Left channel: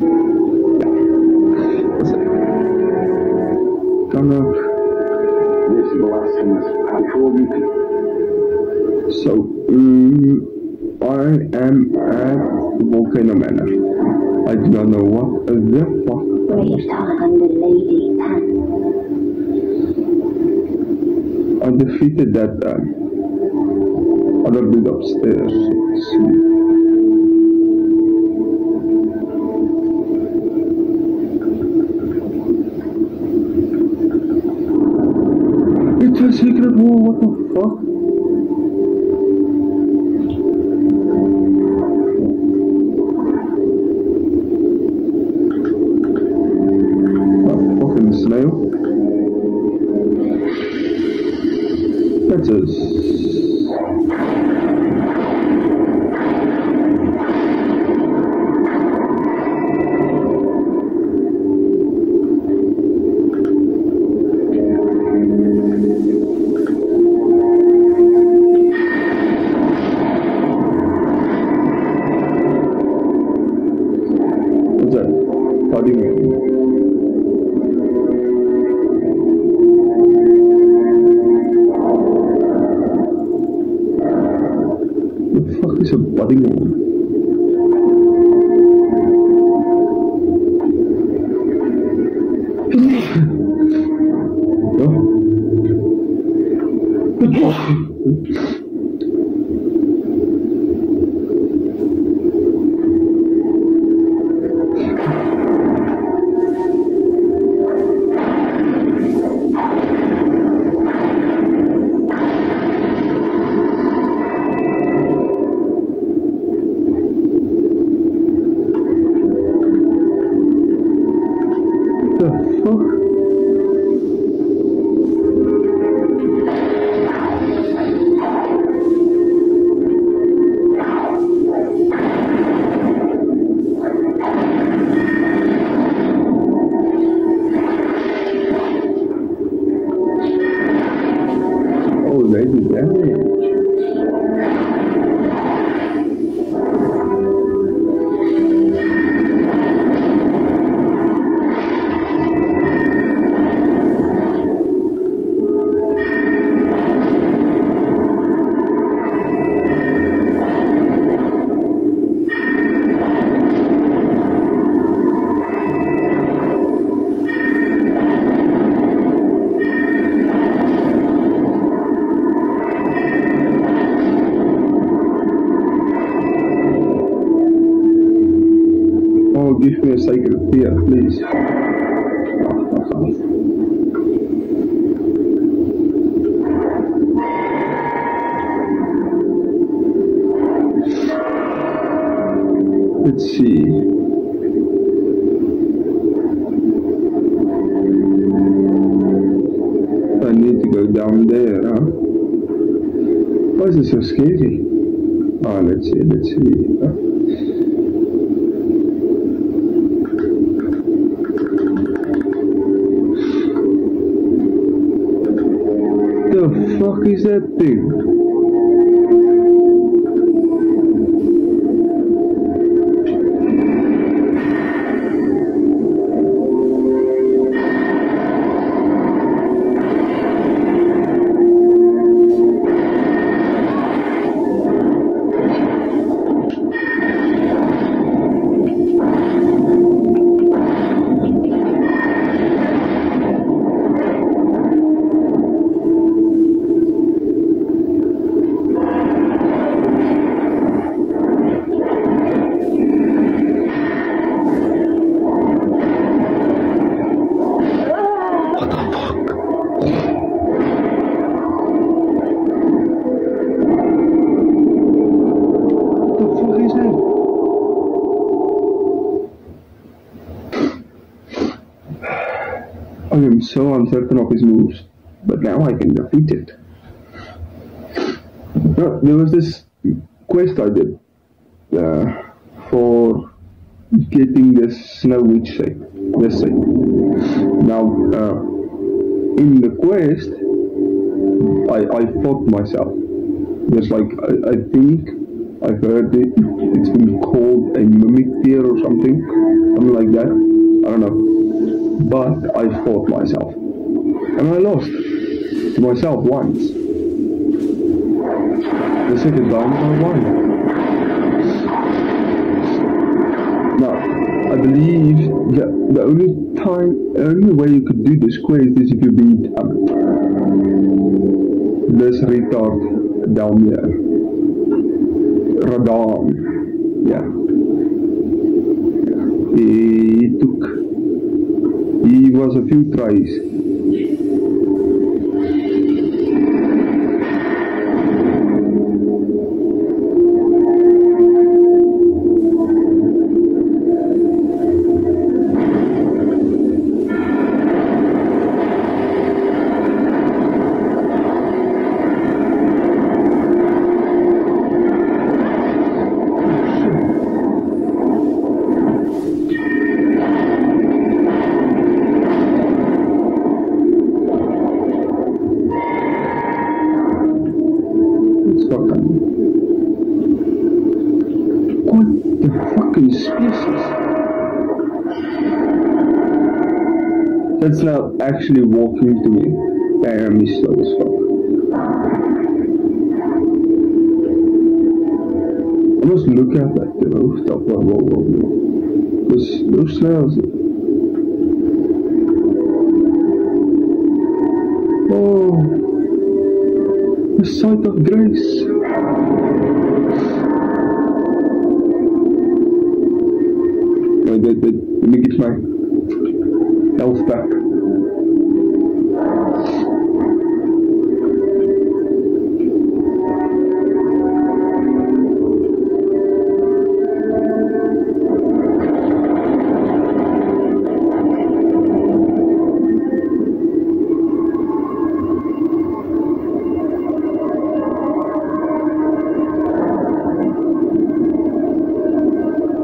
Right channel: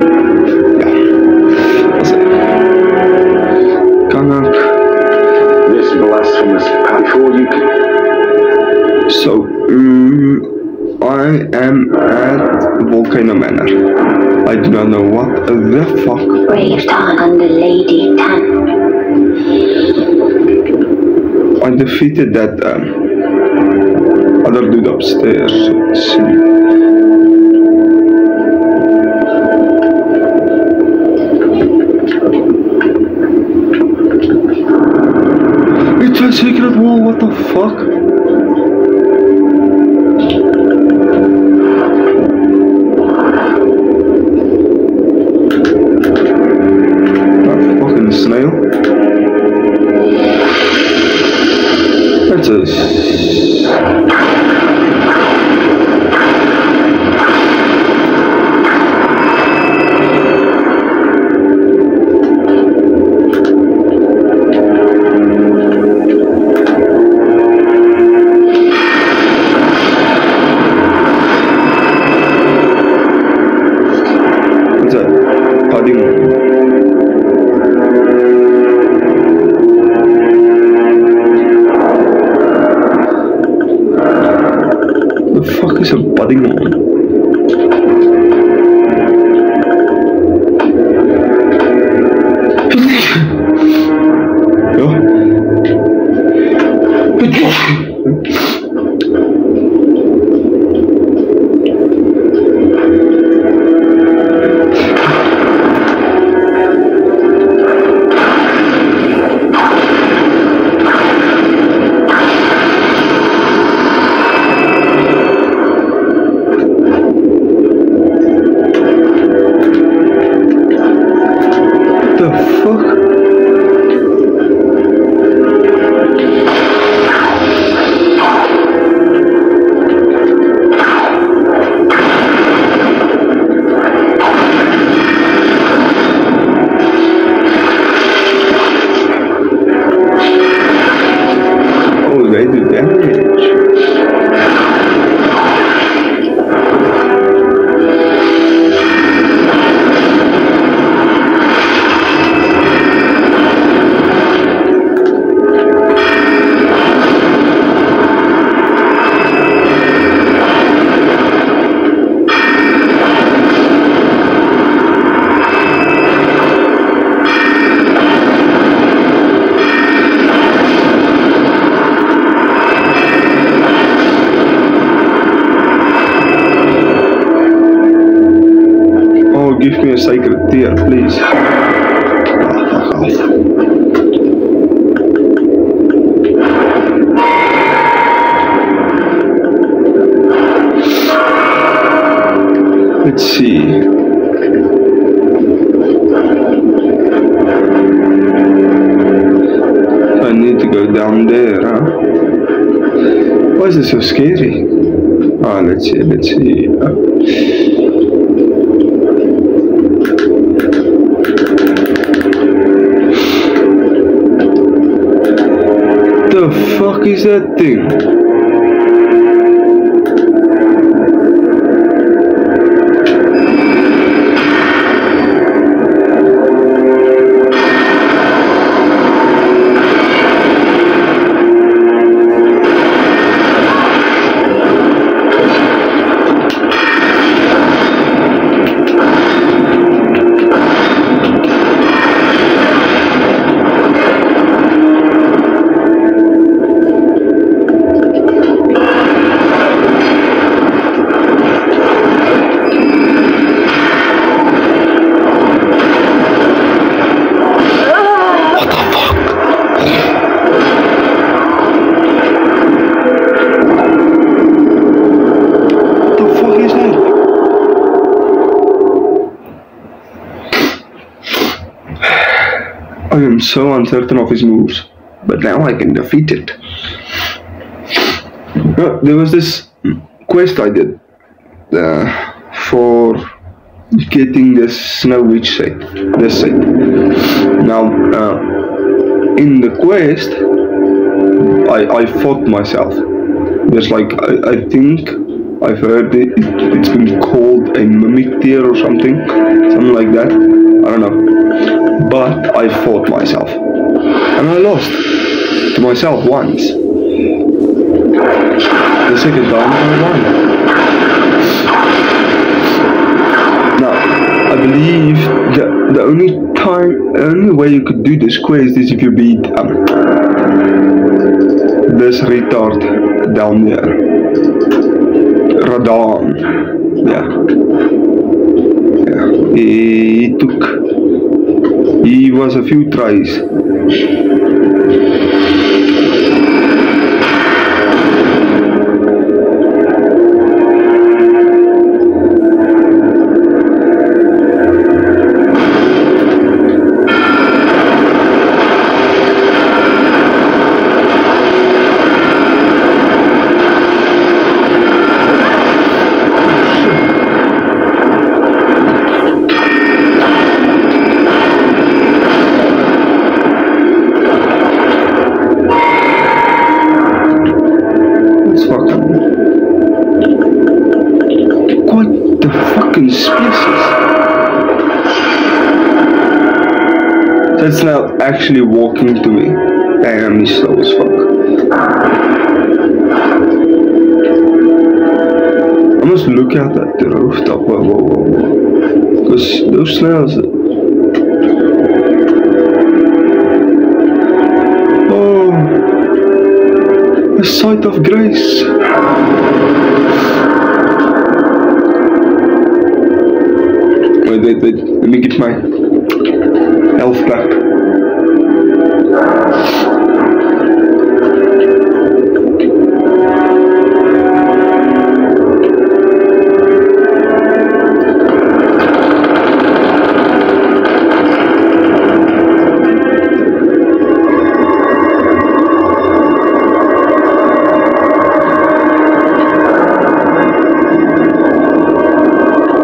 Ja. Alltså. Kanak. This blasphemous before you can. So, I am at Volcano Manor. I do not know what the fuck. Brave Tan under Lady Tan. I defeated that other dude upstairs. Let's see. It's a secret wall, what the fuck? Snail. That's a what's that? Pudding. The fuck is a budding one? The fuck? Oh, they do damage. Give me a sacred tear, please. Oh, fuck off. Let's see. I need to go down there, huh? Why is it so scary? Ah, let's see. The fuck is that thing? I am so uncertain of his moves, but now I can defeat it. There was this quest I did for getting the Snow Witch site, this site. Now, in the quest, I fought myself. There's like, I think I've heard it's been called a mimic tier or something like that. I don't know. But I fought myself. And I lost to myself once. The second time I won. Now, I believe the only way you could do this quest is if you beat this retard down there. Radon. Yeah. He was a few tries. That's now actually walking to me. Damn, he's slow as fuck. I must look out at the rooftop. Whoa. Because those snails. Oh, a sight of grace. Wait. Let me get my health back.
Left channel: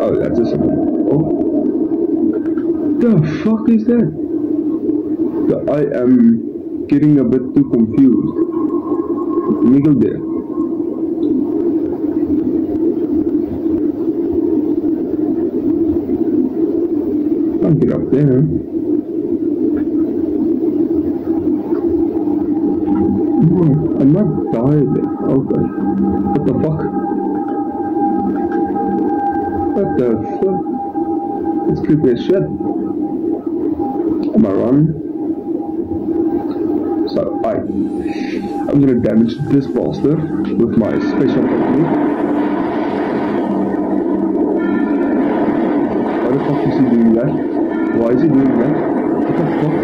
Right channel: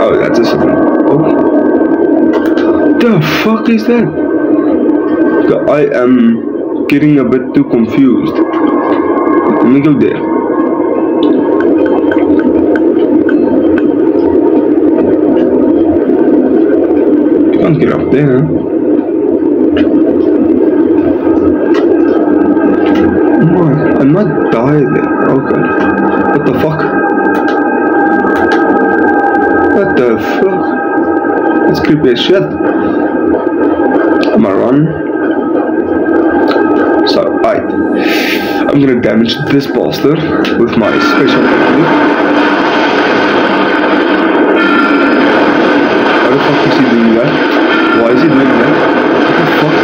Oh, that's a something. Oh. The fuck is that? I am getting a bit too confused. Let me go there. You can't get up there, huh? I might die there. Okay. What the fuck? What the fuck? That's creepy as shit. I'm gonna run. So, I'm gonna damage this bastard with my special technique. Why the fuck is he doing that? Why is he doing that? What the fuck?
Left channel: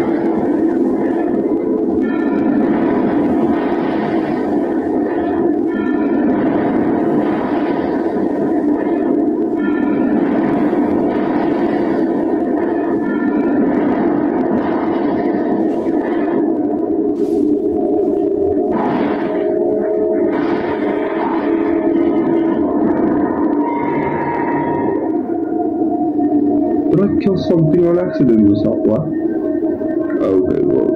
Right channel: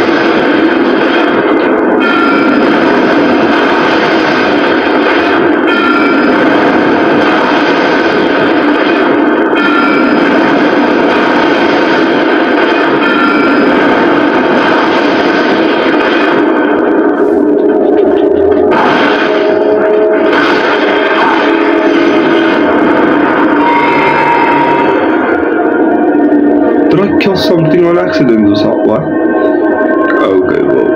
Did I kill something on accident or something? What? Okay, well.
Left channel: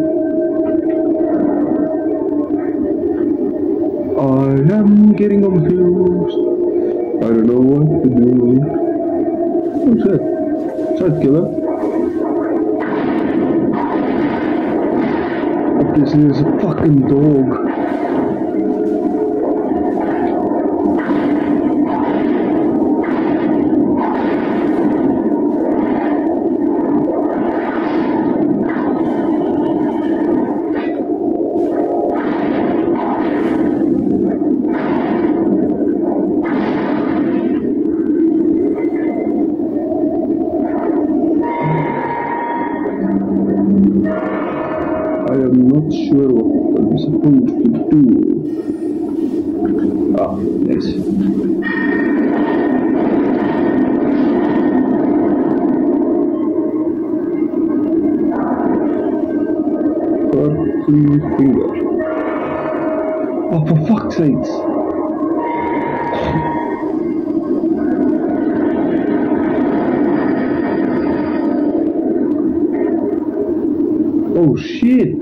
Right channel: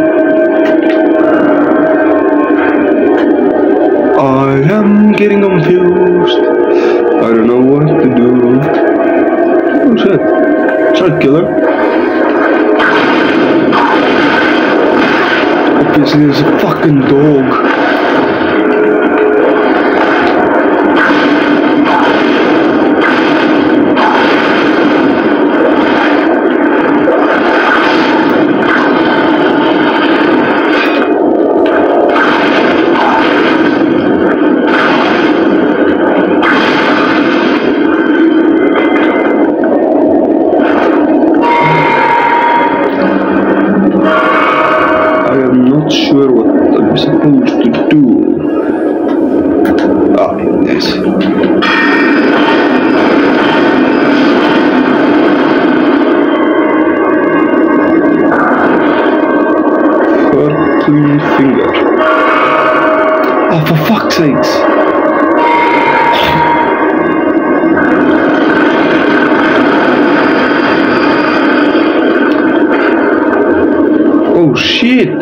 I am getting confused. I don't know what to do. Oh shit. Should I kill her? Obviously there's a fucking dog. Sure what I'm supposed to do. Ah, yes. Fortune finger. Oh, for fuck's sakes. Oh shit.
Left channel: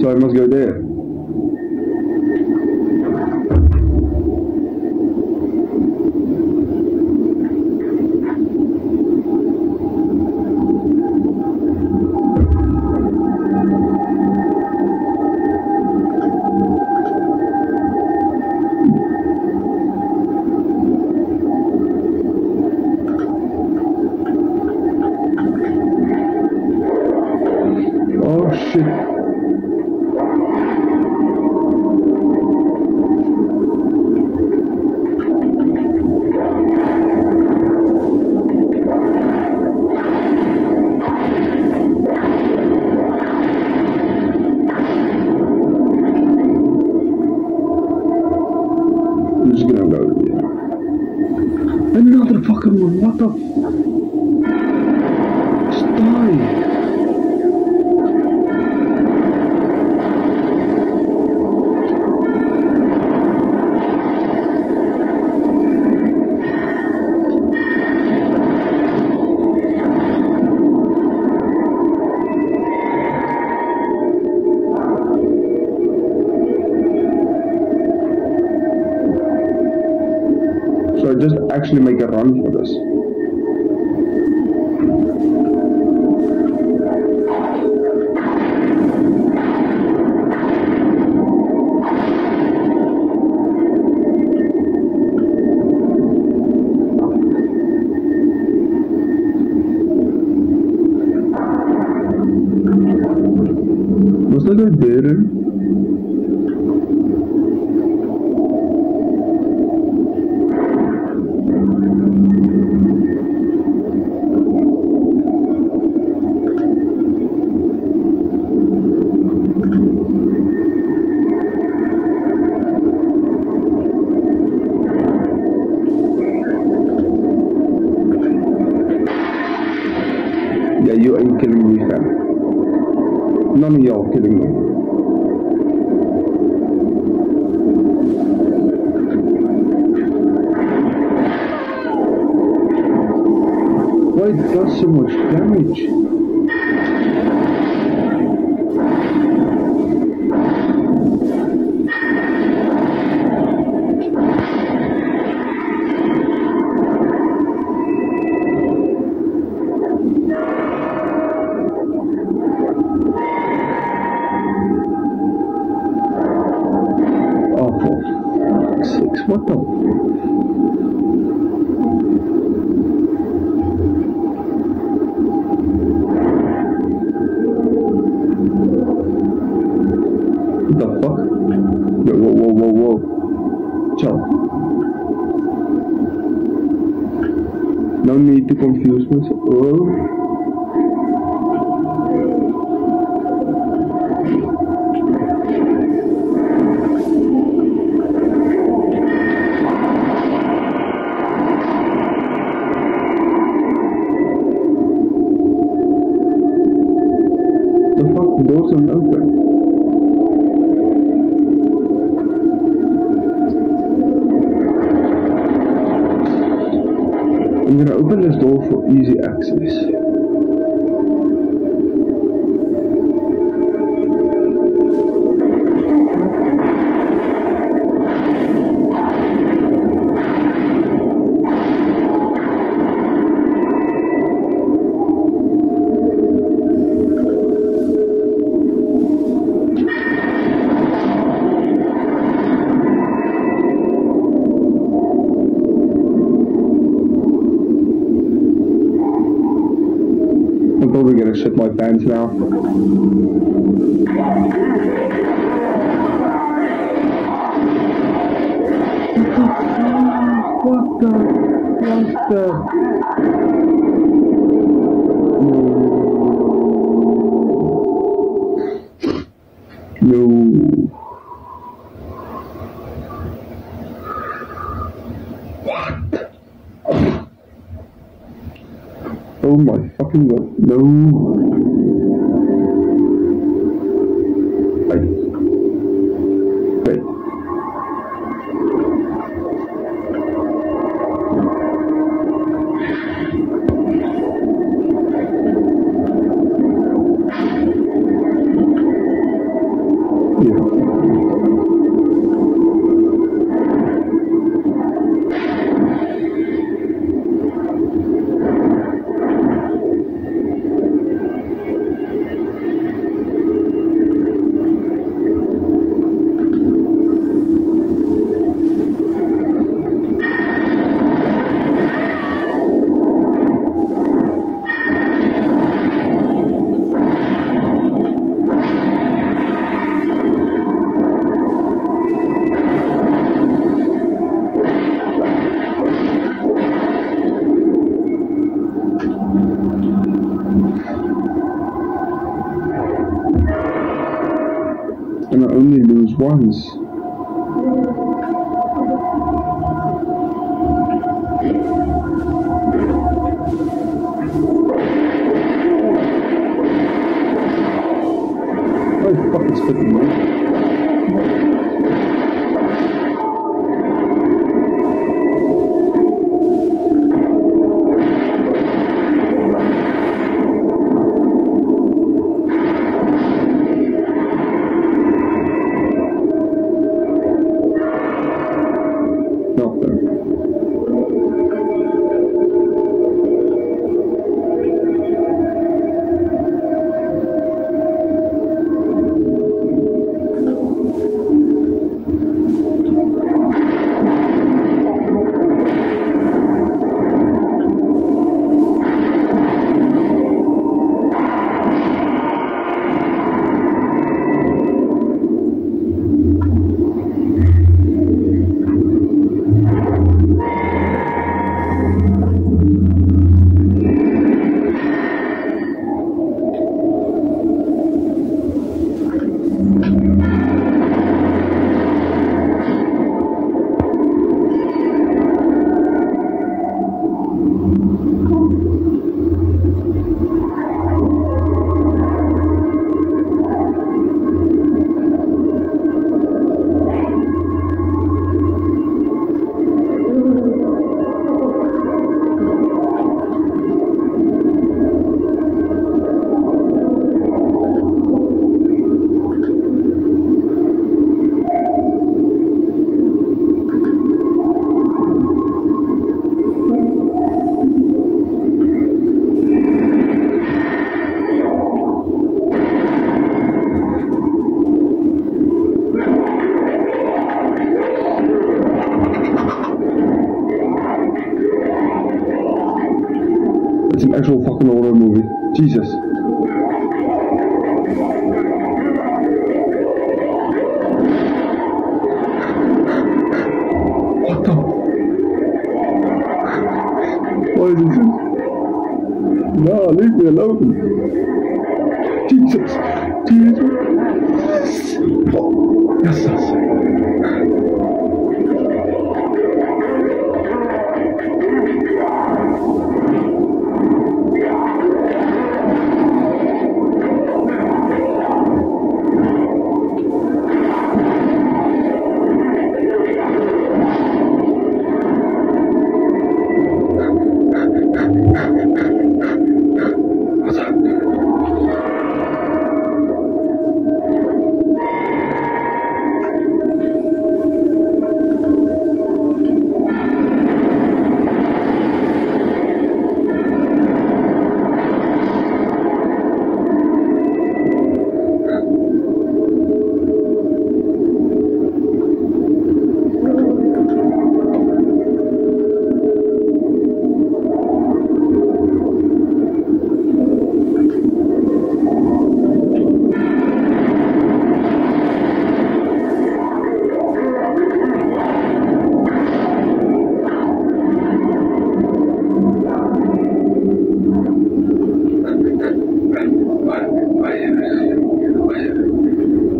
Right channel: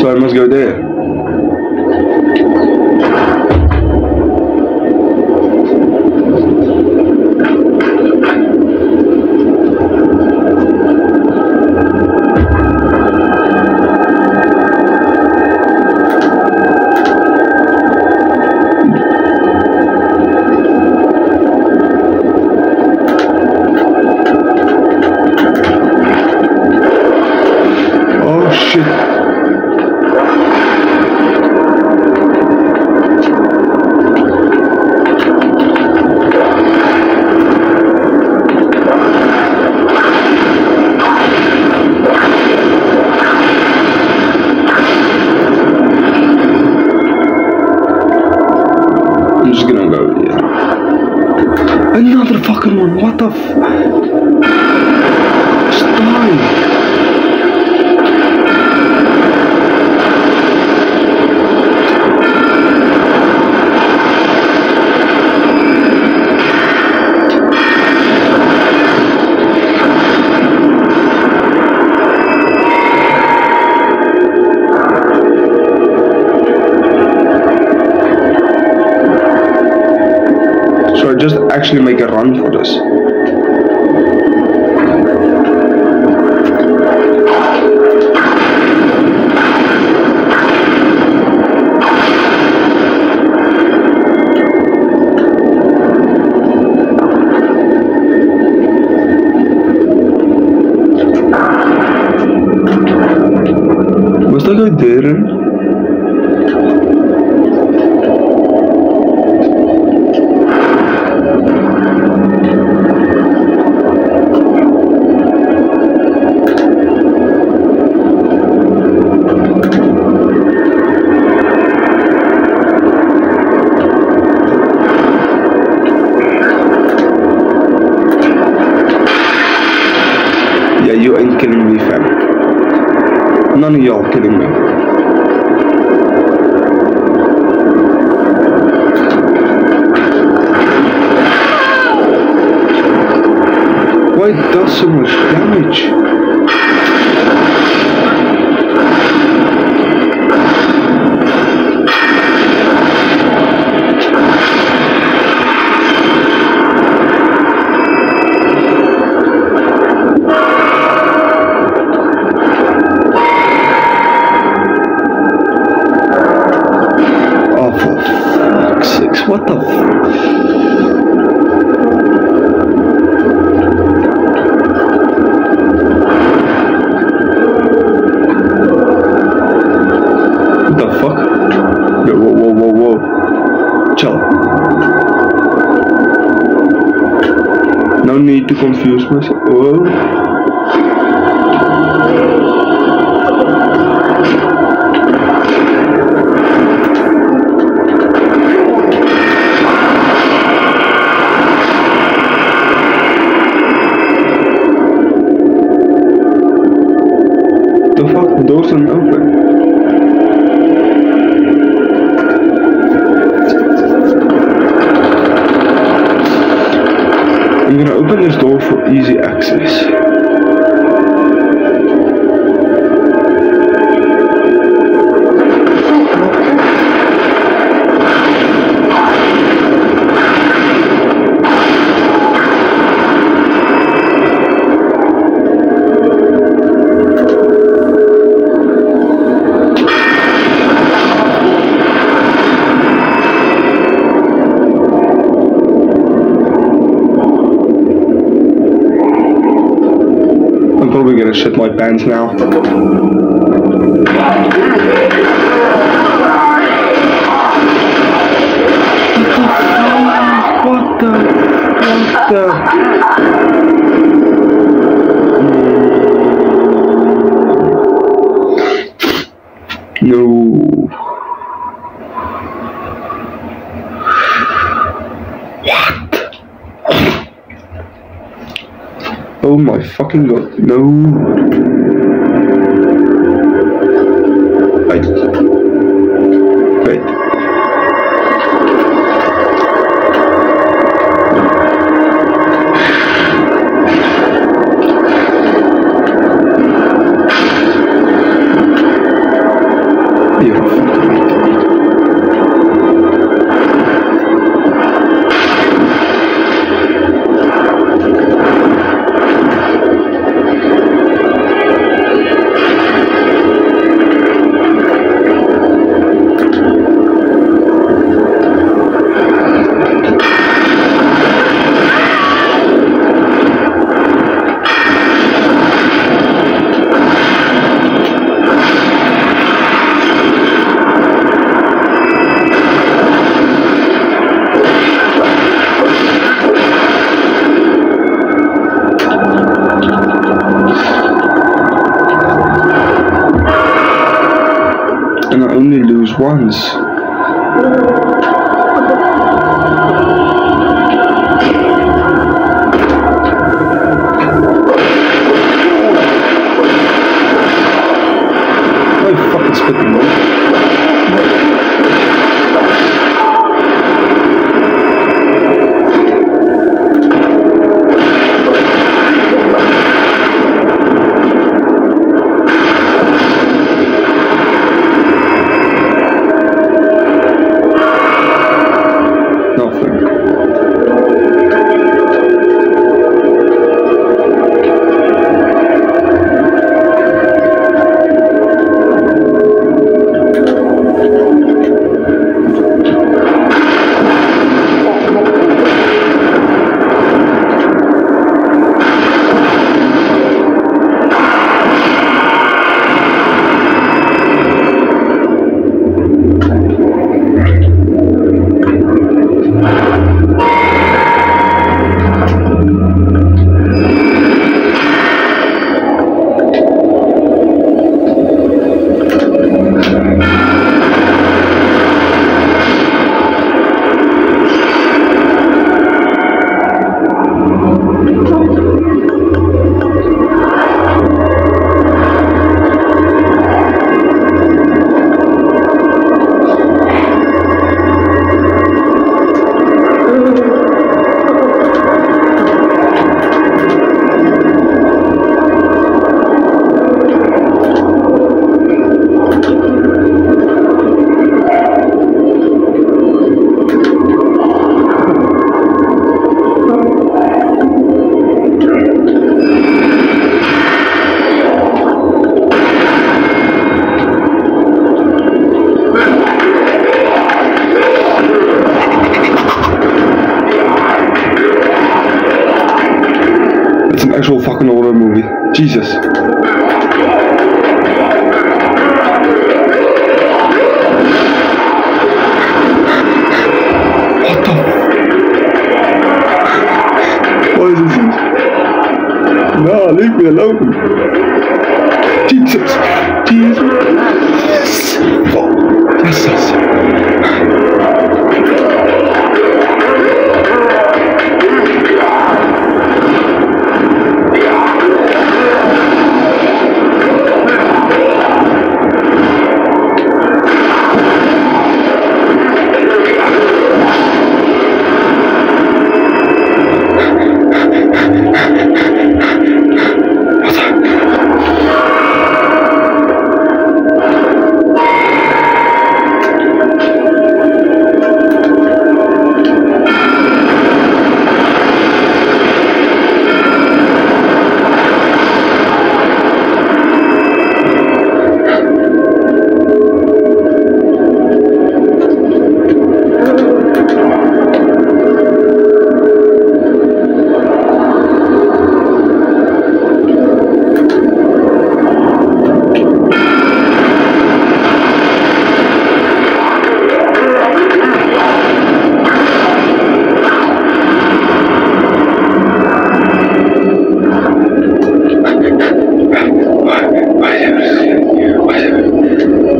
So I'm I'm just gonna go, yeah. Another fucking one, what the f... Just die. So I just actually make a run for this. Was that guy there? Yeah, you ain't killing me, fam. None of y'all killing me. Why it does so much damage? What the f... What the fuck? Yo, whoa. Chill. No need to confuse myself. Whoa. The fuck, doors are open. I'm gonna open this door for easy access. I'm probably gonna shit my pants now. What the? No. What? Oh my fucking god, no. Wait. You're a fucking retard. And I only lose once. It's an actual fucking horror movie. Jesus. What the? What is this? No, leave me alone. Jesus. Jesus. Oh, Jesus.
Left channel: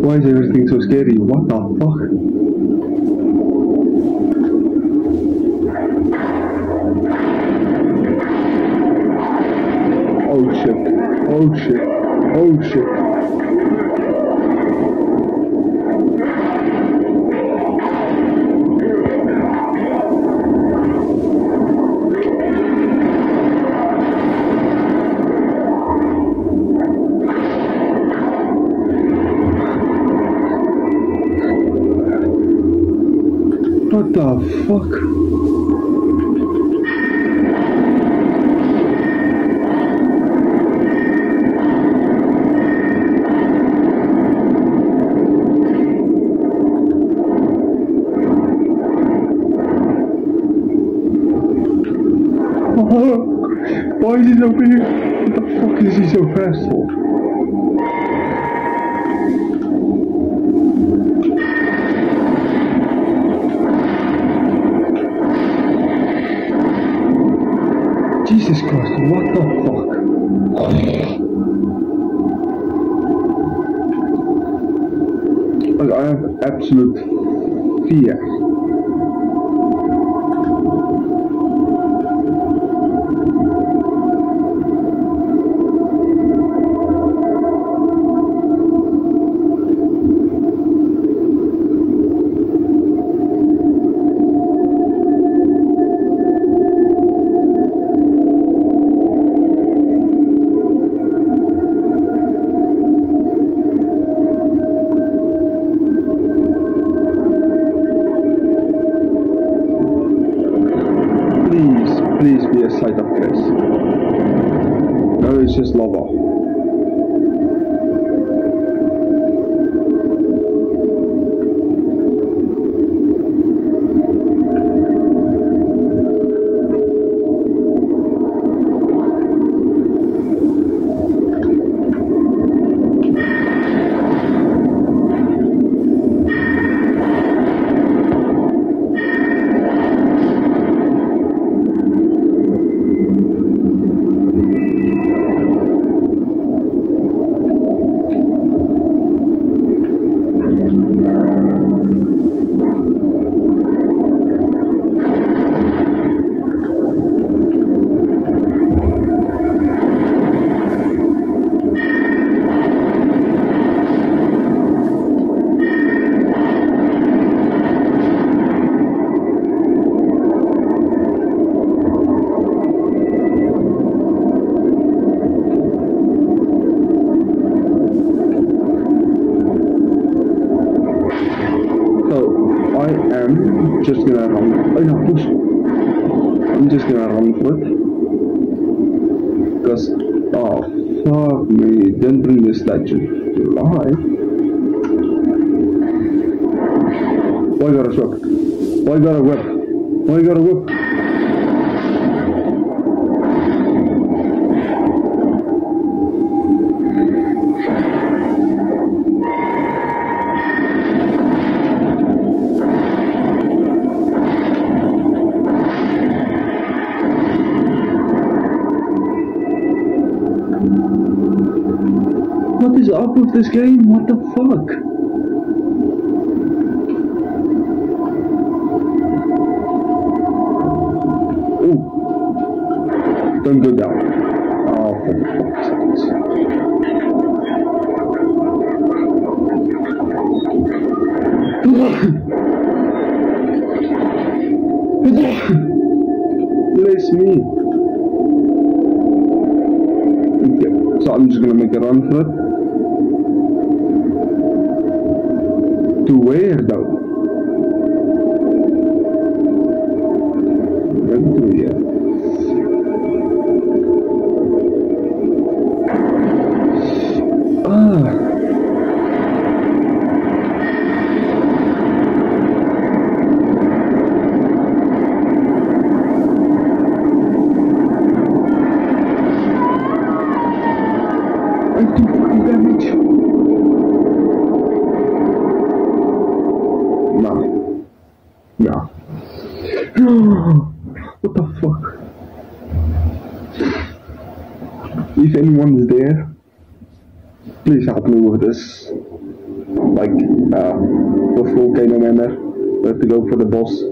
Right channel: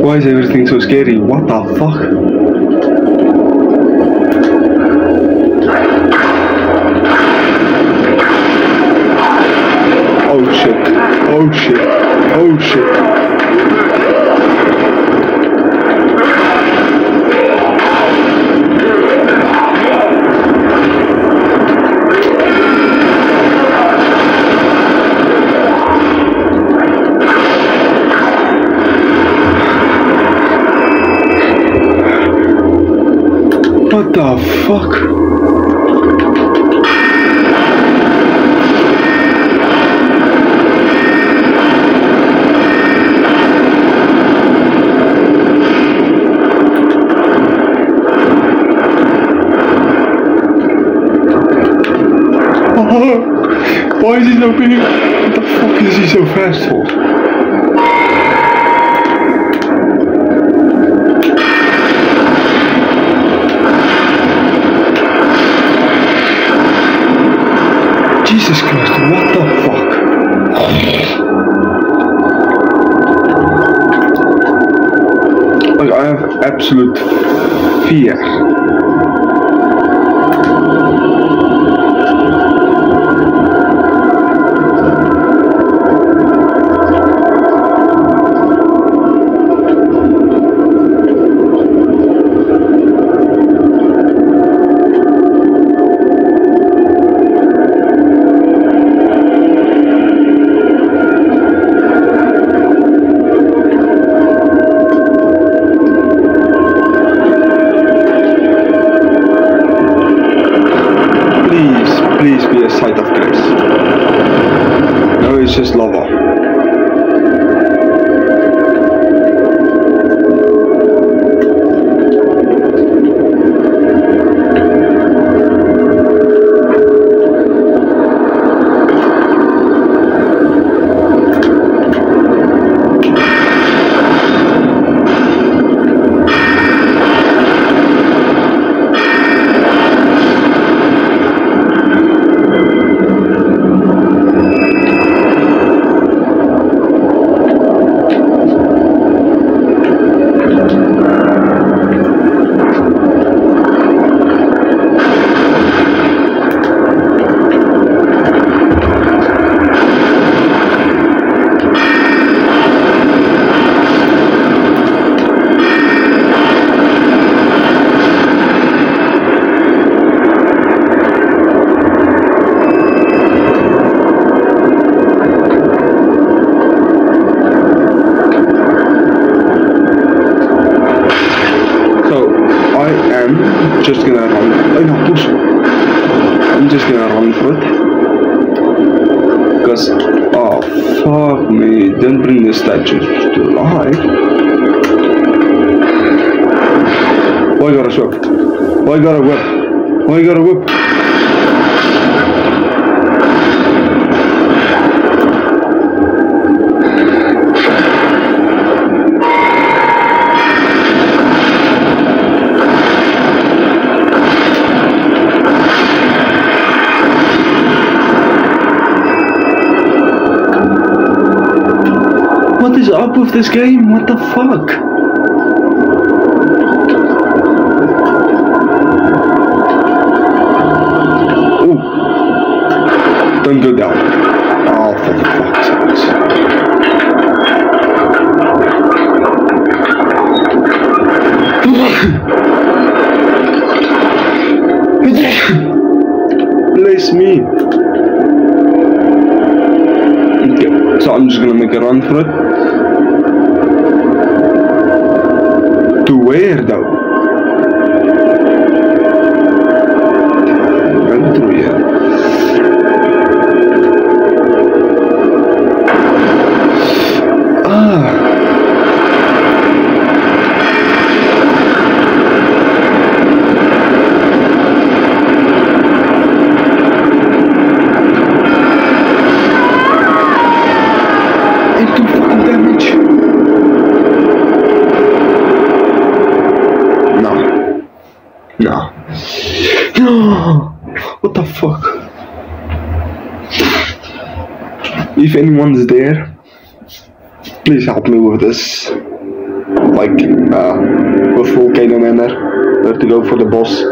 Why is everything so scary? What the fuck? Oh shit. Oh shit. Oh shit. What the fuck? Why is he so big? What the fuck is he so fast for? Jesus Christ, what the fuck? Like, I have absolute fear. Please be a sight of grace. No, it's just lava. I'm just gonna run. Oh no, push. I'm just gonna run for it. Because, oh fuck me, don't bring the statues to life. Why you got a sword? Why you got a whip? Why you got a whip? up with this game? What the fuck? Oh, don't go down. Oh, for fuck's sake. Bless me. Okay, so I'm just gonna make a run for it. To where though? Right through here. I do fucking damage. No. What the fuck? If anyone's there, please help me with this. Like, with volcano manor, where to go for the boss. I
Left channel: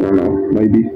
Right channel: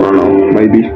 don't know, maybe.